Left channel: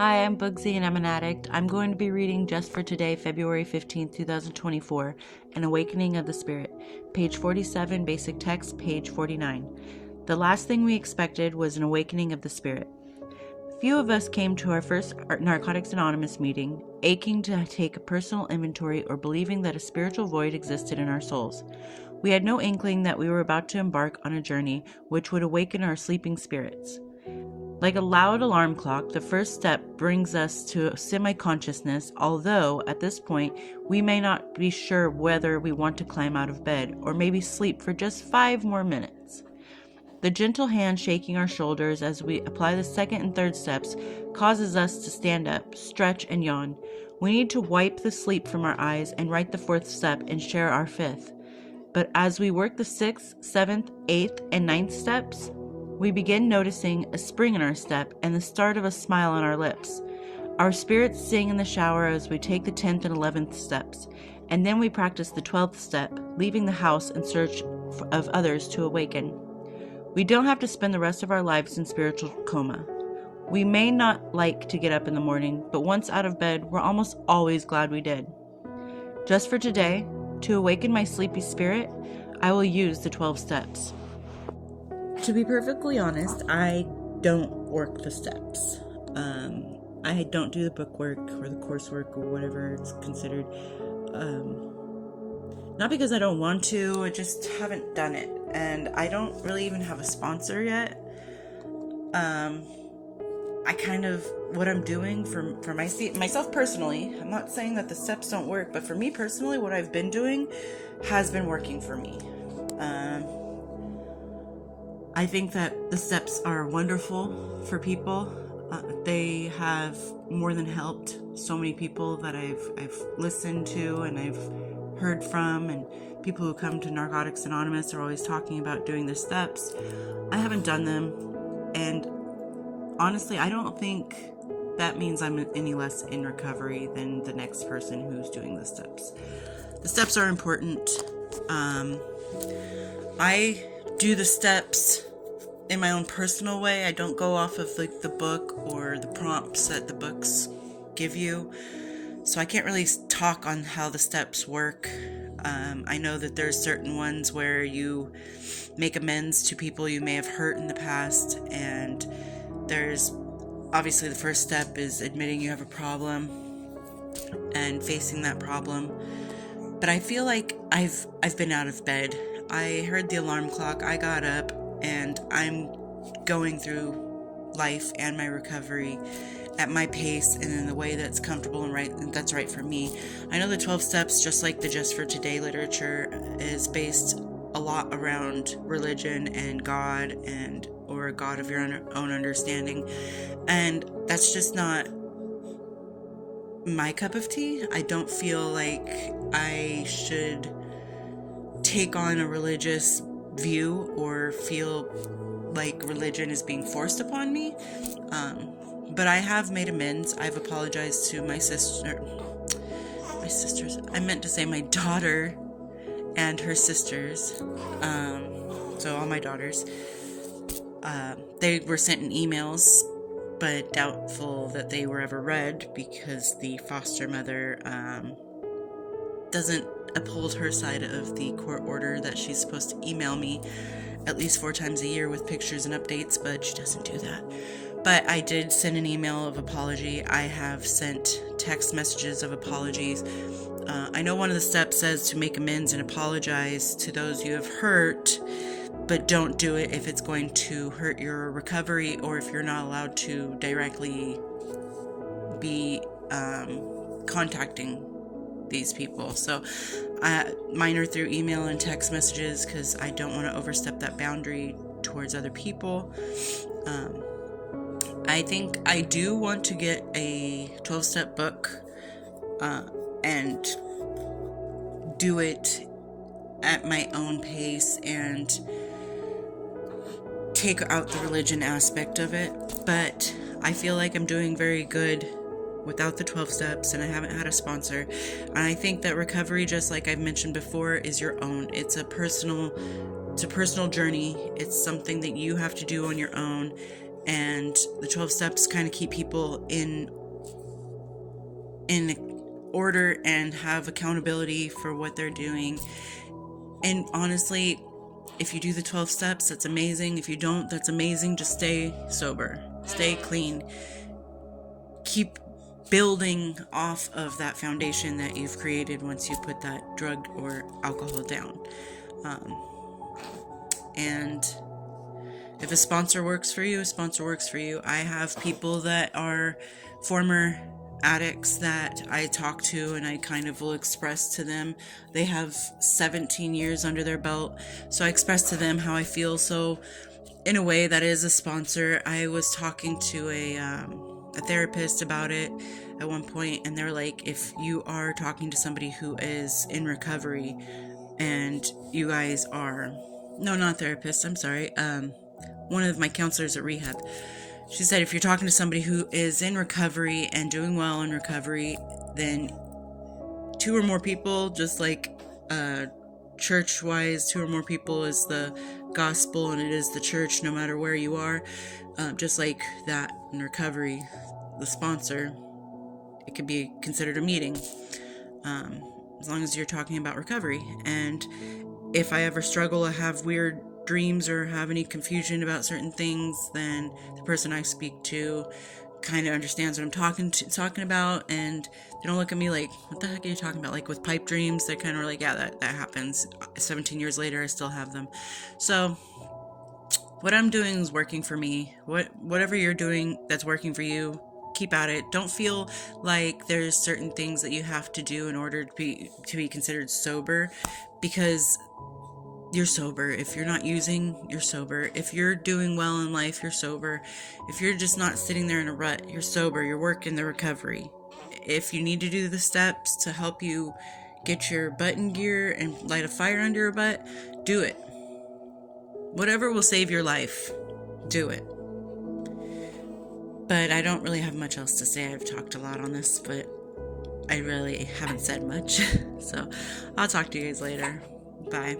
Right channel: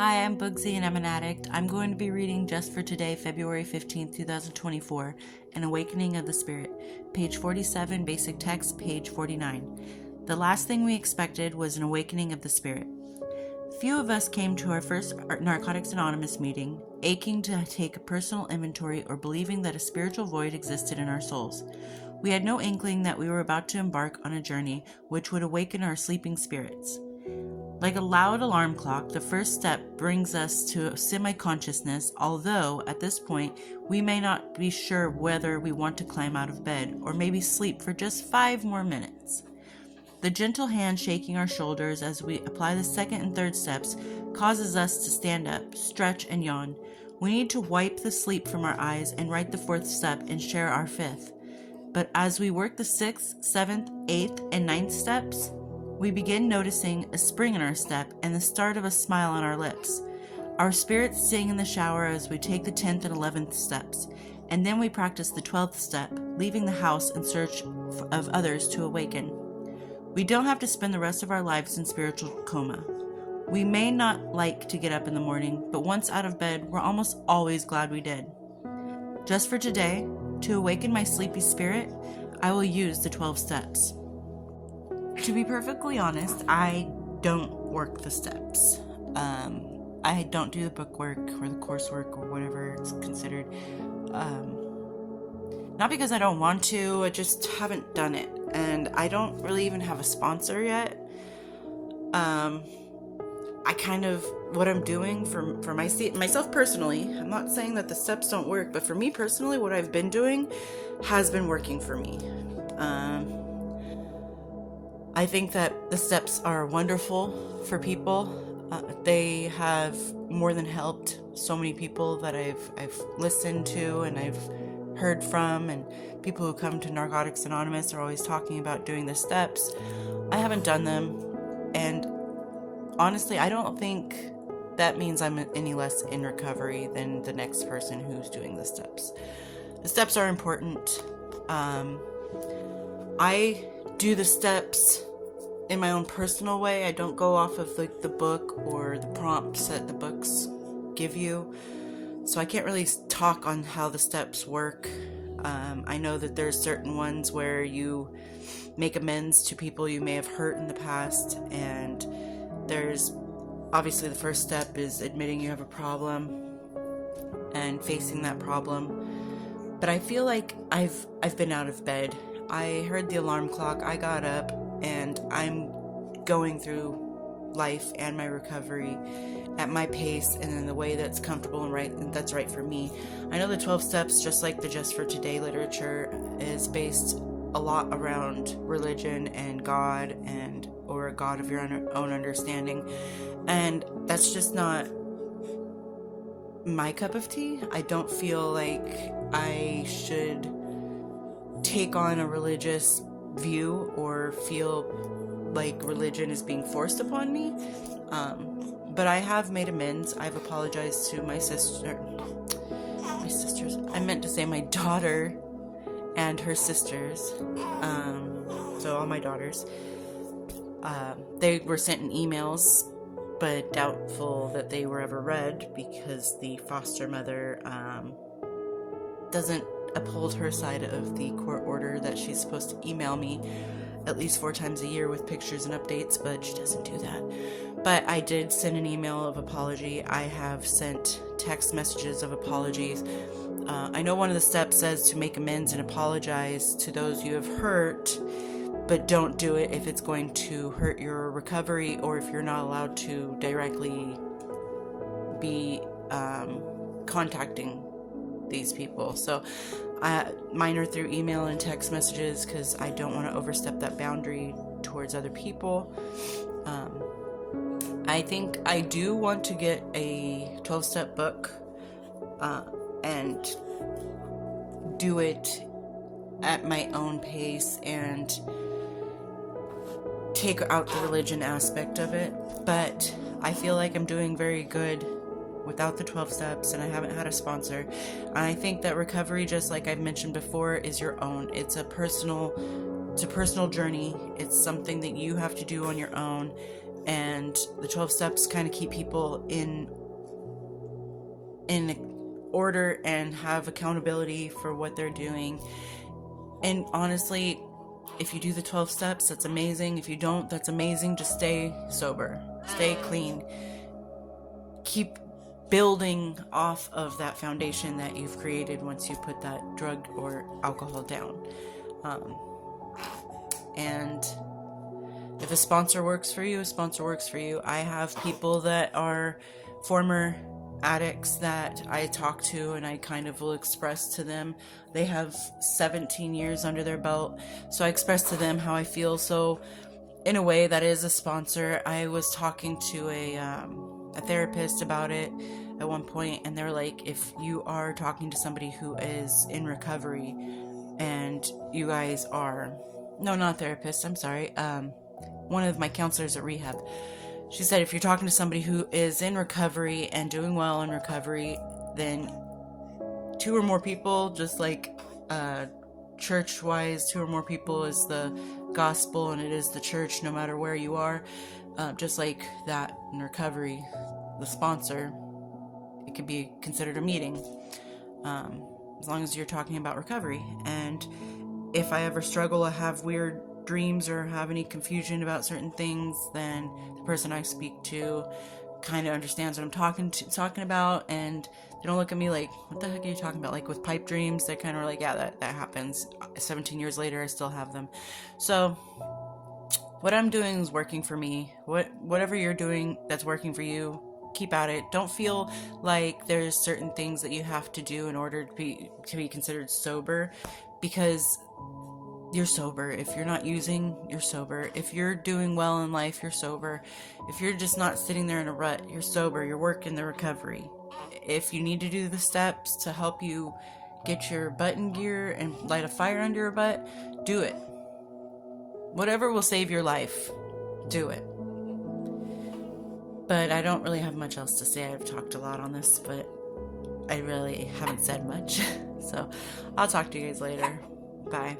Hi, I'm Bugsy and I'm an addict. I'm going to be reading just for today, February 15th, 2024, An Awakening of the Spirit, page 47, basic text, page 49. The last thing we expected was an awakening of the spirit. Few of us came to our first Narcotics Anonymous meeting, aching to take a personal inventory or believing that a spiritual void existed in our souls. We had no inkling that we were about to embark on a journey which would awaken our sleeping spirits. Like a loud alarm clock, the first step brings us to semi-consciousness, although at this point we may not be sure whether we want to climb out of bed or maybe sleep for just 5 more minutes. The gentle hand shaking our shoulders as we apply the second and third steps causes us to stand up, stretch, and yawn. We need to wipe the sleep from our eyes and write the fourth step and share our fifth. But as we work the sixth, seventh, eighth, and ninth steps, we begin noticing a spring in our step and the start of a smile on our lips. Our spirits sing in the shower as we take the 10th and 11th steps, and then we practice the 12th step, leaving the house in search of others to awaken. We don't have to spend the rest of our lives in spiritual coma. We may not like to get up in the morning, but once out of bed, we're almost always glad we did. Just for today, to awaken my sleepy spirit, I will use the 12 steps. To be perfectly honest, I don't work the steps. I don't do the bookwork or the coursework or whatever it's considered. Not because I don't want to, I just haven't done it. And I don't really even have a sponsor yet. What I'm doing for myself personally, I'm not saying that the steps don't work, but for me personally, what I've been doing has been working for me. I think that the steps are wonderful for people. They have more than helped so many people that I've listened to and I've heard from, and people who come to Narcotics Anonymous are always talking about doing the steps. I haven't done them, and honestly, I don't think that means I'm any less in recovery than the next person who's doing the steps. The steps are important. I do the steps in my own personal way. I don't go off of the book or the prompts that the books give you. So I can't really talk on how the steps work. I know that there's certain ones where you make amends to people you may have hurt in the past, and there's obviously the first step is admitting you have a problem and facing that problem. But I feel like I've been out of bed. I heard the alarm clock, I got up, and I'm going through life and my recovery at my pace and in the way that's comfortable and that's right for me. I know the 12 steps, just like the Just for Today literature, is based a lot around religion and God or a God of your own understanding, and that's just not my cup of tea. I don't feel like I should take on a religious view or feel like religion is being forced upon me. But I have made amends. I've apologized to my sisters. I meant to say my daughter and her sisters. So all my daughters. They were sent in emails, but doubtful that they were ever read because the foster mother doesn't uphold her side of the court order that she's supposed to email me at least 4 times a year with pictures and updates, but she doesn't do that. But I did send an email of apology. I have sent text messages of apologies. I know one of the steps says to make amends and apologize to those you have hurt, but don't do it if it's going to hurt your recovery or if you're not allowed to directly be contacting these people. So mine are through email and text messages because I don't want to overstep that boundary towards other people. I think I do want to get a 12-step book and do it at my own pace and take out the religion aspect of it, but I feel like I'm doing very good without the 12 steps, and I haven't had a sponsor. And I think that recovery, just like I've mentioned before, is your own. It's a personal journey. It's something that you have to do on your own. And the 12 steps kind of keep people in order and have accountability for what they're doing. And honestly, if you do the 12 steps, that's amazing. If you don't, that's amazing. Just stay sober, stay clean, keep building off of that foundation that you've created once you put that drug or alcohol down. And if a sponsor works for you, a sponsor works for you. I have people that are former addicts that I talk to, and I kind of will express to them. They have 17 years under their belt, so I express to them how I feel. So in a way, that is a sponsor. I was talking to a therapist about it at one point, and they're like, if you are talking to somebody who is in recovery and you guys are, no, not therapist, I'm sorry, one of my counselors at rehab, she said, if you're talking to somebody who is in recovery and doing well in recovery, then 2 or more people, just like church-wise, 2 or more people is the gospel, and it is the church no matter where you are. Just like that in recovery, the sponsor, it could be considered a meeting, as long as you're talking about recovery. And if I ever struggle or have weird dreams or have any confusion about certain things, then the person I speak to kind of understands what I'm talking about, and they don't look at me like, what the heck are you talking about? Like with pipe dreams, they're kind of like, yeah, that happens. 17 years later, I still have them. So what I'm doing is working for me. Whatever you're doing that's working for you, keep at it. Don't feel like there's certain things that you have to do in order to be considered sober, because you're sober. If you're not using, you're sober. If you're doing well in life, you're sober. If you're just not sitting there in a rut, you're sober. You're working the recovery. If you need to do the steps to help you get your butt in gear and light a fire under your butt, do it. Whatever will save your life, do it. But I don't really have much else to say. I've talked a lot on this, but I really haven't said much. So I'll talk to you guys later. Bye.